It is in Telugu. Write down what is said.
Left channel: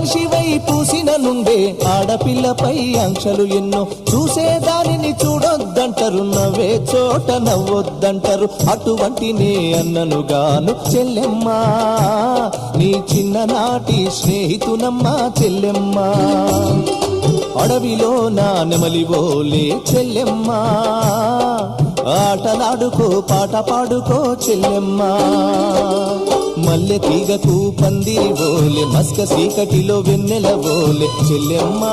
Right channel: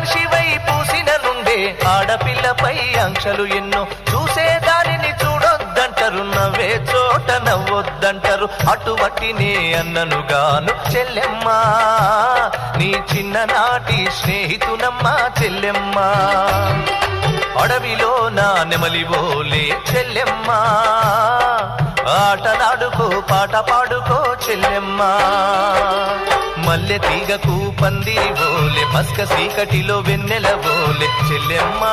మనిషివై పూసిన నుండే ఆడపిల్లపై ఆంక్షలు ఎన్నో చూసేదానిని చూడొద్దంటారు నవ్వే చోట నవ్వొద్దంటారు అటువంటి నే అన్ననుగాను చెల్లెమ్మా నీ చిన్ననాటి స్నేహితునమ్మా చెల్లెమ్మా అడవిలో నా నెమలివోలే చెల్లెమ్మా ఆటలాడుకో పాట పాడుకో చెల్లెమ్మా మల్లె తీగకు పందిరి ఓలే మస్క చీకటిలో వెన్నెల ఓలే చెల్లెమ్మా